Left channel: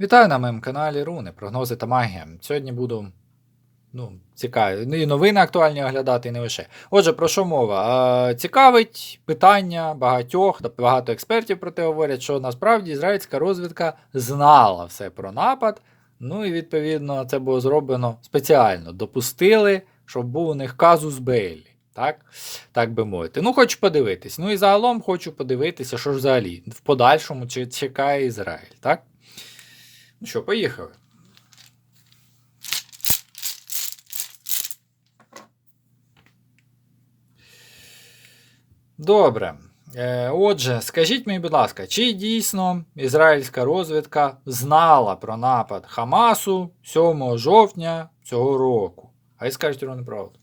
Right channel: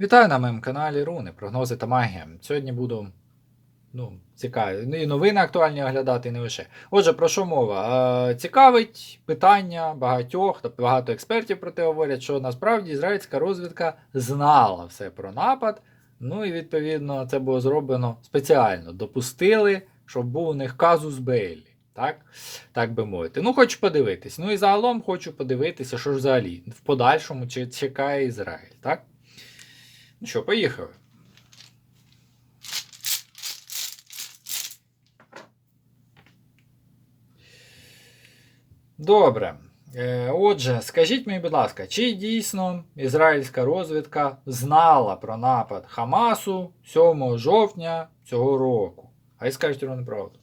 Вітаю на моєму каналі Руни, прогнози та магія. Сьогодні буду ну, цікаві. ну, І новини актуальні оглядати, і не лише. Отже, про що мова? Цікавить питання багатьох, багато експертів про те говорять, що насправді ізраїльська розвідка знала все про напад. Ну і відповідно це було зроблено спеціально. Допустили, щоб був у них казус Бейлі. Так? так би мовити. Ну, хочу подивитись. Ну і загалом хочу подивитися, що ж взагалі в подальшому чекає Ізраїль. Так? Ну що, поїхали. Добре. Е, Отже, скажіть мені, будь ласка, чи дійсно ізраїльська розвідка знала про напад Хамасу 7 жовтня цього року? А й скажіть вам неправду.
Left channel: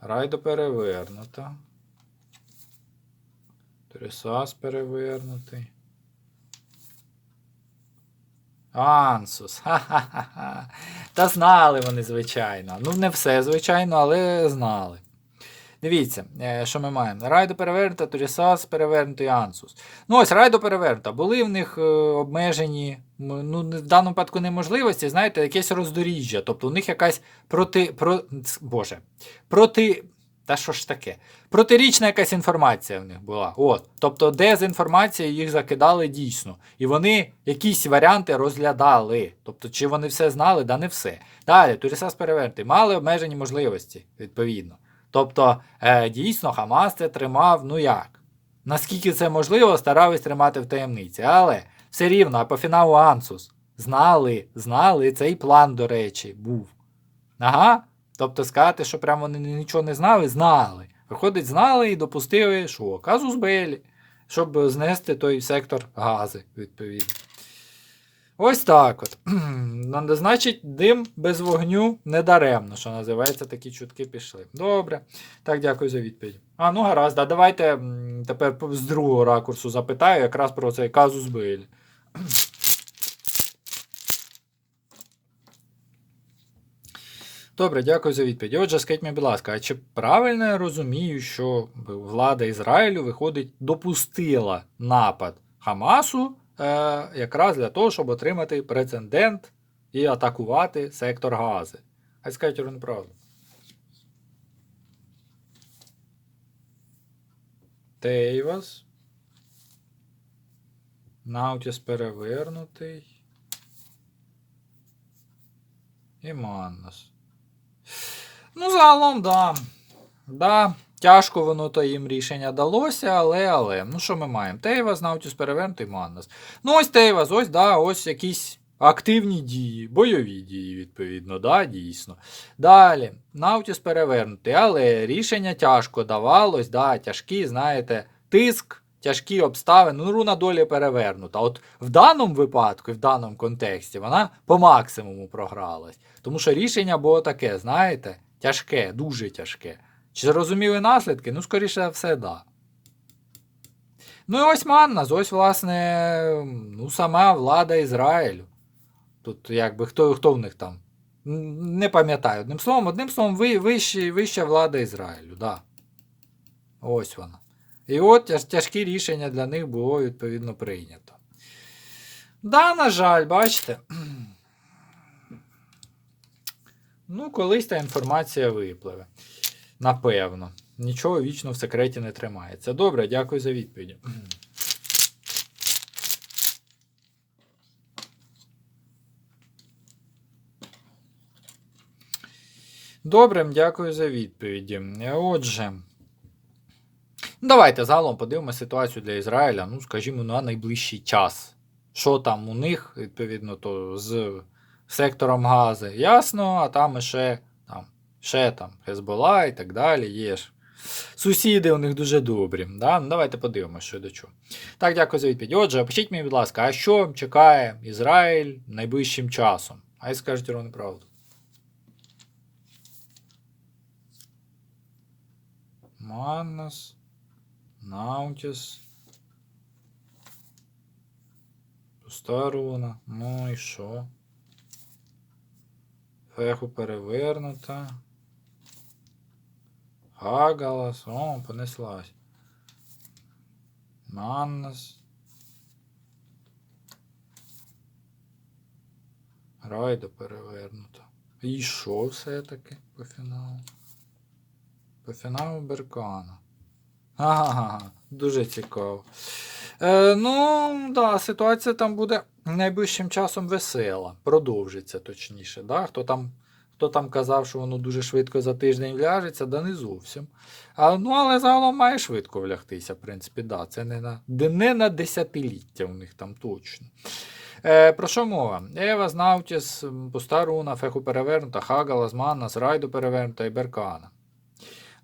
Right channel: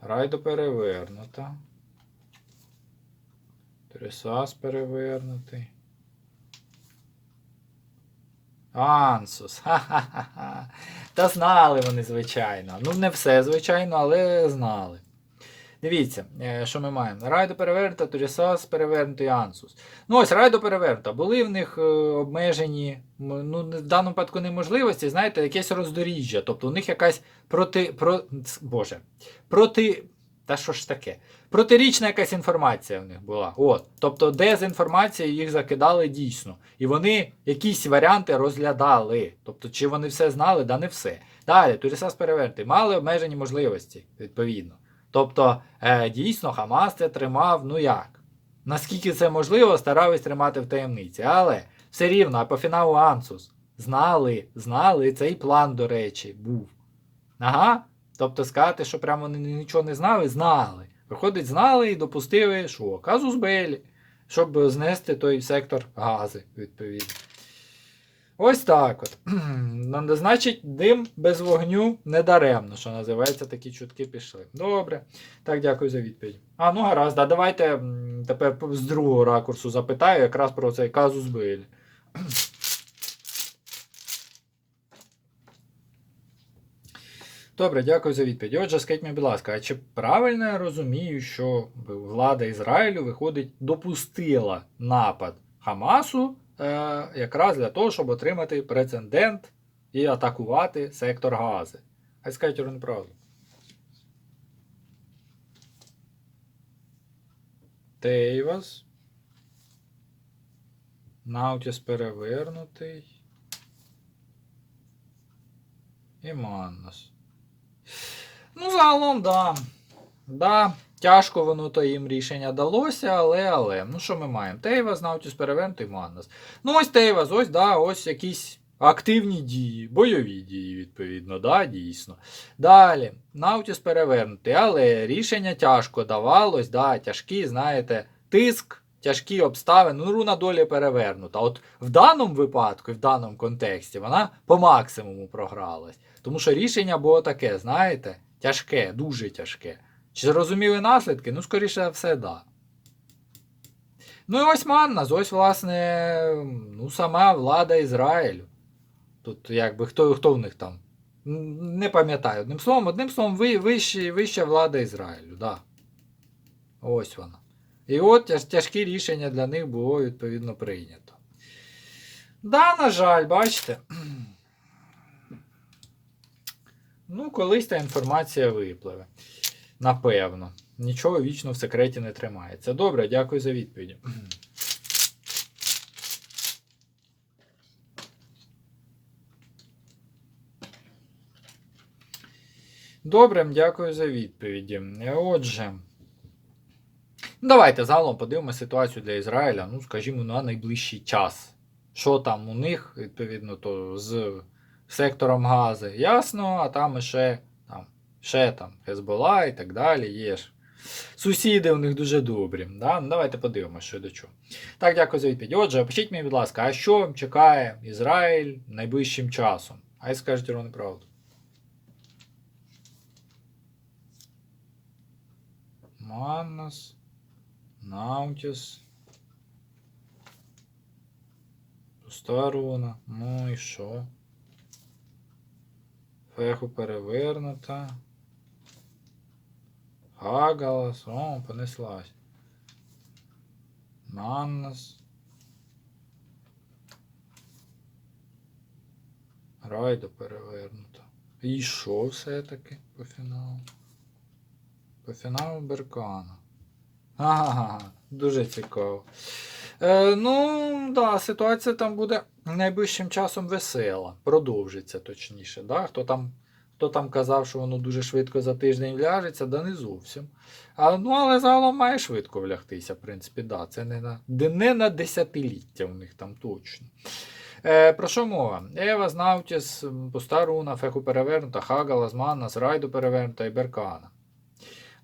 Райдо перевернута. Трисас перевернутий. Ансус. Ха-ха-ха. Та знали вони, звичайно. Ну, не все, звичайно, але знали. Дивіться, е, що ми маємо. Райдо перевернута, Турісас перевернутий Ансус. Ну ось райдо перевернута. Були в них е, обмежені, ну, в даному випадку неможливості, знаєте, якесь роздоріжжя. Тобто у них якась проти. Про, Боже. Проти. Та що ж таке? Протирічна якась інформація в них була. От. Тобто дезінформація їх закидали дійсно. І вони якісь варіанти розглядали. Тобто, чи вони все знали, да не все. Далі, Турісас перевернутий. Мали обмежені можливості, відповідно. Тобто, е, дійсно, Хамас це тримав, ну як? Наскільки це можливо, старались тримати в таємниці. Але все рівно, а по фіналу Ансус знали, знали, цей план, до речі, був. Ага. Тобто сказати, що прямо вони нічого не знали, знали. Виходить, знали і допустили, що казус Белі, щоб знести той сектор гази, відповідно. Ось так от. Значить, дим без вогню не даремно, що називається, такі чутки пішли. Добре. Так, дякую за відповідь. А, ну гаразд, а давайте тепер з другого ракурсу запитаю якраз про цей казус Белі. Добре, дякую за відповідь. Отже, скажіть мені, будь ласка, а чи правильно я розумію, що влада Ізраїлю, виходить, допустила напад Хамасу е, якраз для того, щоб отримати прецедент і атакувати сектор Гази? Хай скажуть вам неправду. Тейвас. Наутіс перевернутий. І Маннас. Ну, загалом, да. Да, тяжко воно то їм рішення далося, але, але. Ну, що ми маємо? Тейвас, Наутіс перевернутий Маннас. Ну, ось Тейвас, ось, да, ось якісь активні дії, бойові дії, відповідно, да, дійсно. Далі, Наутіс перевернутий, але рішення тяжко давалось, да, тяжкі, знаєте, тиск. Тяжкі обставини, ну, руна долі перевернута. От в даному випадку, в даному контексті, вона по максимуму програлась. Тому що рішення було таке, знаєте, тяжке, дуже тяжке. Чи зрозуміли наслідки? Ну, скоріше все, да. Ну і ось Маннас, ось, власне, ну, сама влада Ізраїлю. Тут якби хто, хто в них там? Не пам'ятаю. Одним словом, одним словом, вища, вища влада Ізраїлю, да. Ось вона. І от тяжкі рішення для них було відповідно прийнято. Да, на жаль, бачите. Ну, колись та інформація випливе. Напевно. Нічого вічно в секреті не тримається. Добре, дякую за відповідь. Добре, дякую за відповіді. Отже. Ну, Давайте загалом подивимося ситуацію для Ізраїля, ну, скажімо, на найближчий час. Що там у них, відповідно, то з сектором гази, ясно, а там ще там, ще там Хезбола і так далі. Є ж. Сусіди у них дуже добрі. Да? Ну, давайте подивимося, що до чого. Так, дякую за відповідь. Отже, пишіть мені, будь ласка, а що чекає Ізраїль найближчим часом? Хай скажуть ровно правду. Маннас. Наутіс. Пуста руна. Ну і що? Феху перевернута. Гагалас. О, понеслась. Наннас. Райда перевернута. І що все-таки по фіналу? По фіналу Беркана. Ага дуже цікаво. Е, ну, да, ситуація там буде найближчим часом весела. Продовжиться точніше. Да? Хто, там, хто там казав, що воно дуже швидко за тиждень вляжеться, да не зовсім. А, ну, але загалом має швидко влягтися, в принципі, да. Це не на, не на десятиліття у них там точно. Е, про що мова? Ева, Знаутіс, Пуста Руна, Феху перевернута, Хагала, Змана, Зрайду перевернута і Беркана.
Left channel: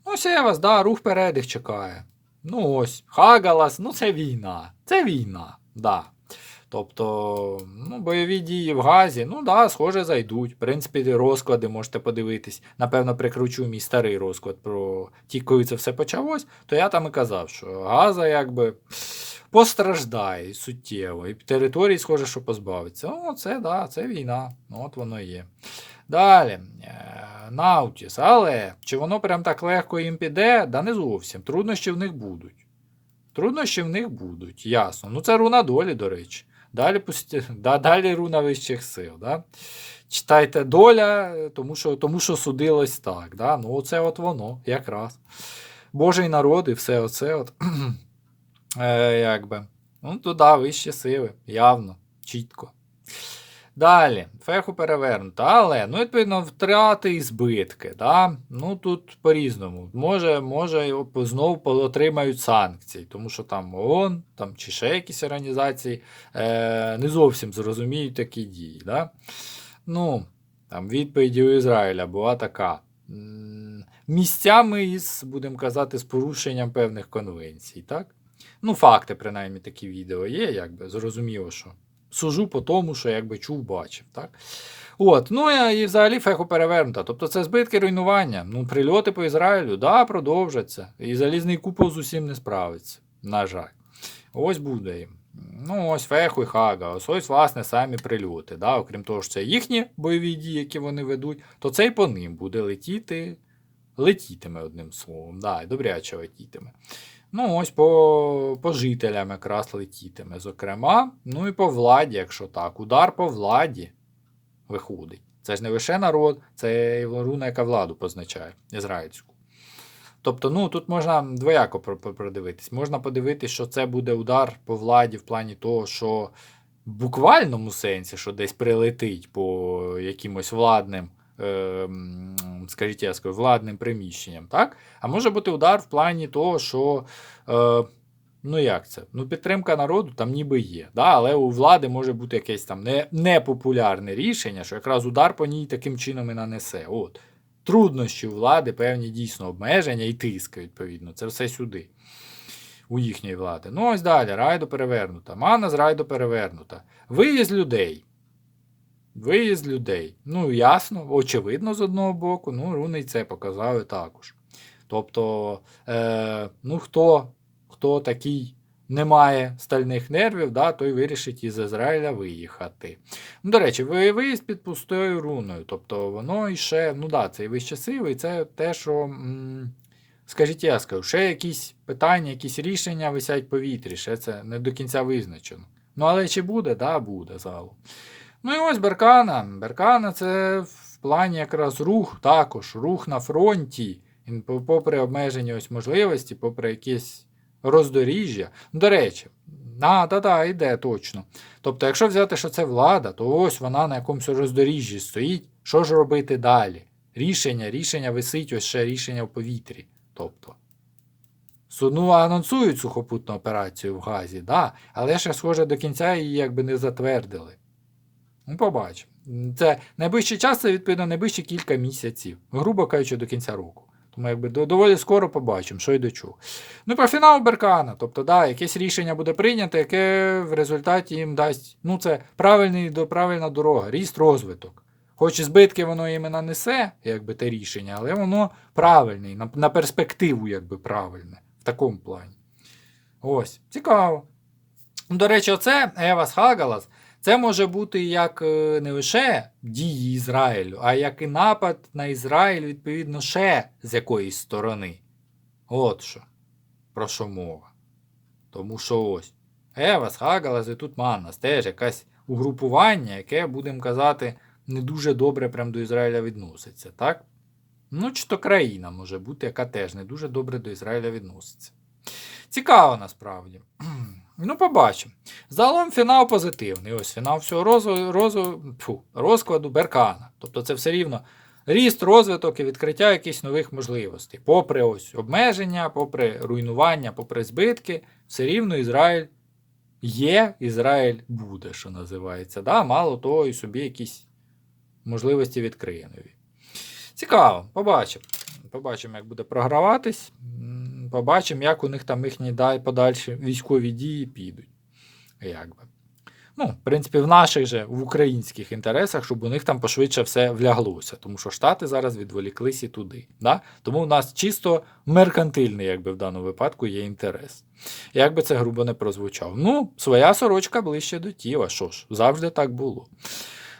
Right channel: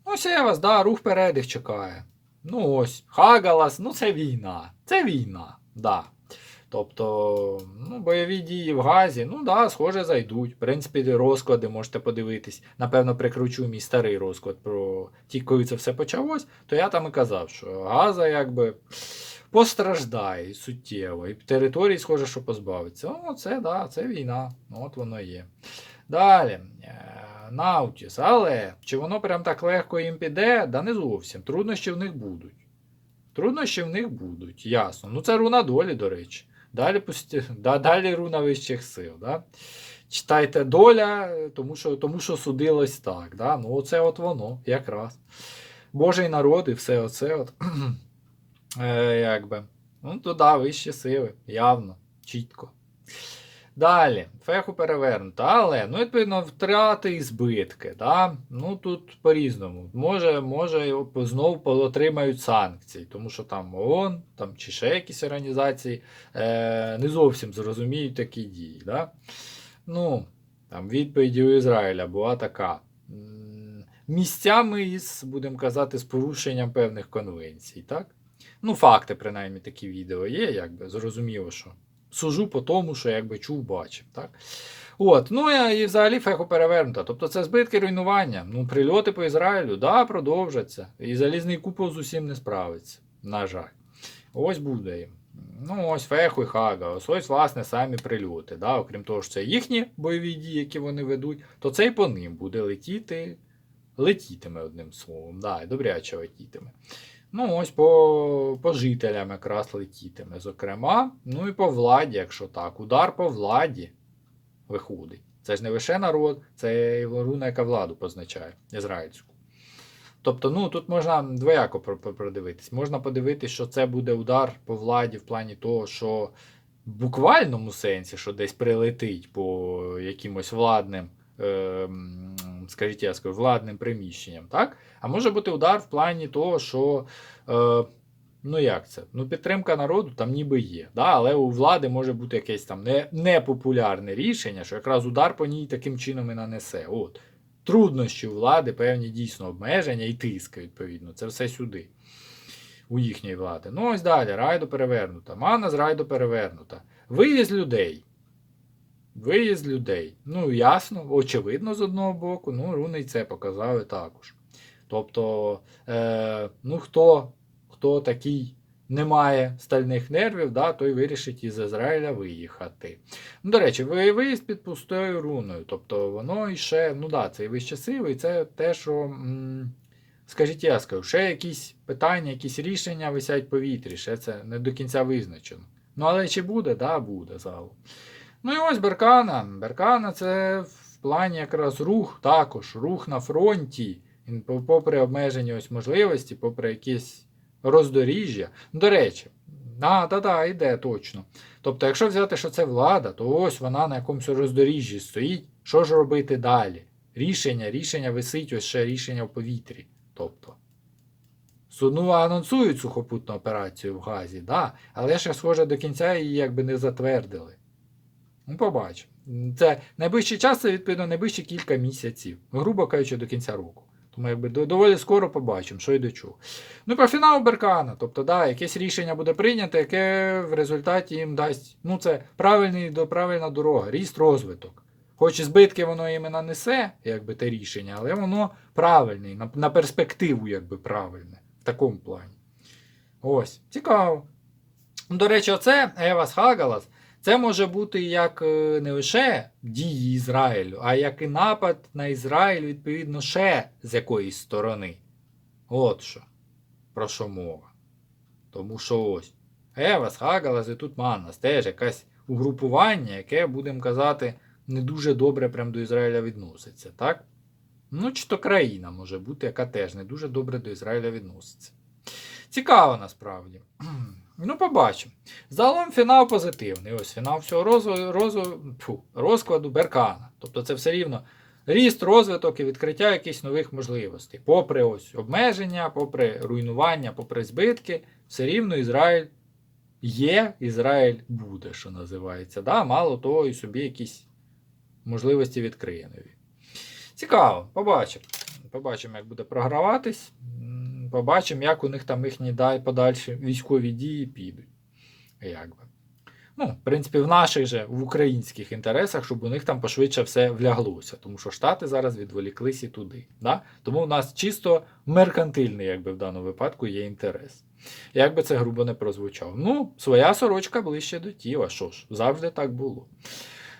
Ну, ось да, рух вперед їх чекає. Ну ось, Хагалас, ну це війна. Це війна, да. Тобто, ну, бойові дії в Газі, ну да, схоже, зайдуть. В принципі, розклади можете подивитись. Напевно, прикручу мій старий розклад про ті, коли це все почалось, то я там і казав, що Газа якби постраждає суттєво. І території, схоже, що позбавиться. О, це да, це війна. Ну, От воно є. Далі. Наутіс. Але чи воно прям так легко їм піде? Да не зовсім. Труднощі в них будуть. Труднощі в них будуть, ясно. Ну, це руна долі, до речі. Далі, пусті... да, далі руна вищих сил. Да? Читайте доля, тому що, тому що судилось так. Да? Ну, оце от воно, якраз. Божий народ і все оце от. е, якби. Ну, туди вищі сили, явно, чітко. Далі, феху перевернуто, але, ну, відповідно, втрати і збитки. Да? Ну, тут по-різному. Може, може, знову отримають санкції, тому що там ООН там, чи ще якісь організації е, не зовсім зрозуміють такі дії. Да? Ну, там відповіді у Ізраїля була така. Місцями із, будемо казати, з порушенням певних конвенцій. так? Ну, факти, принаймні, такі відео є, якби зрозуміло, що сужу по тому, що якби чув, бачив. Так? От, ну і взагалі феху перевернута. Тобто це збитки руйнування. Ну, прильоти по Ізраїлю, да, продовжаться. І залізний купол з усім не справиться. На жаль. Ось буде їм. Ну, ось феху і хага, ось ось, власне, самі прильоти. Да? Окрім того, що це їхні бойові дії, які вони ведуть, то це і по ним буде летіти, летітиме одним словом. Да, і добряче летітиме. Ну, ось по, по жителям якраз летітиме, зокрема. Ну і по владі, якщо так. Удар по владі виходить. Це ж не лише народ, це і руна, яка владу позначає, ізраїльську. Тобто, ну тут можна двояко про- про- продивитись. Можна подивитись, що це буде удар по владі в плані того, що в буквальному сенсі, що десь прилетить по якимось владним, е, м, скажіть, я скажу, владним приміщенням, так? А може бути удар в плані того, що. Е, Ну як це? Ну, підтримка народу там ніби є. Да? Але у влади може бути якесь там не, непопулярне рішення, що якраз удар по ній таким чином і нанесе. От. Труднощі влади, певні дійсно обмеження і тиск, відповідно. Це все сюди. У їхньої влади. Ну, ось далі. Райдо перевернута. Мана з райдо перевернута. Виїзд людей. Виїзд людей. Ну, ясно, очевидно, з одного боку. Ну, руни це показали також. Тобто, е, ну, хто, хто такий не має стальних нервів, да, той вирішить із Ізраїля виїхати. Ну, до речі, виїзд під пустою руною. Тобто воно іще, ну да, це і і це те, що, м, скажіть, я скажу, ще якісь питання, якісь рішення висять в повітрі, ще це не до кінця визначено. Ну, але чи буде? Да, буде загалом. Ну і ось Беркана. Беркана це в плані якраз рух також, рух на фронті. Попри обмежені ось можливості, попри якісь роздоріжжя. До речі, а, та-та, йде точно. Тобто, якщо взяти, що це влада, то ось вона на якомусь роздоріжжі стоїть. Що ж робити далі? Рішення, рішення висить, ось ще рішення в повітрі. Тобто. Ну, анонсують сухопутну операцію в Газі, да, але ще, схоже, до кінця її якби не затвердили. Ну, побачимо. Це найближчий час, це відповідно найближчі кілька місяців, грубо кажучи, до кінця року. Тому якби доволі скоро побачимо, що й до чого. Ну, про фінал Беркана. Тобто, да, якесь рішення буде прийнято, яке в результаті їм дасть. Ну, це правильний, правильна дорога, ріст, розвиток. Хоч і збитки воно їм і нанесе, якби те рішення, але воно правильне, на, на перспективу, якби правильне. В такому плані. Ось, цікаво. До речі, оце Евас Хагалас. Це може бути як е, не лише дії Ізраїлю, а як і напад на Ізраїль, відповідно, ще з якоїсь сторони. От що. Про що мова. Тому що ось. Евас, Хагалас і тут Маннас теж якесь угрупування, яке, будемо казати, не дуже добре прям до Ізраїля відноситься, так? Ну, чи то країна може бути, яка теж не дуже добре до Ізраїля відноситься. Цікаво насправді. Ну, побачимо. Загалом фінал позитивний. Ось фінал всього розу, розу, фу, розкладу Беркана. Тобто це все рівно ріст, розвиток і відкриття якихось нових можливостей. Попри ось обмеження, попри руйнування, попри збитки, все рівно Ізраїль є, Ізраїль буде, що називається. Да? Мало того, і собі якісь можливості відкриє нові. Цікаво, побачимо. Побачимо, як буде програватись. Побачимо, як у них там їхні подальші військові дії підуть. Як би. Ну, в принципі, в наших же, в українських інтересах, щоб у них там пошвидше все вляглося, тому що Штати зараз відволіклись і туди. Да? Тому у нас чисто меркантильний, якби в даному випадку, є інтерес. Як би це грубо не прозвучав. Ну, своя сорочка ближче до тіла. Що ж, завжди так було.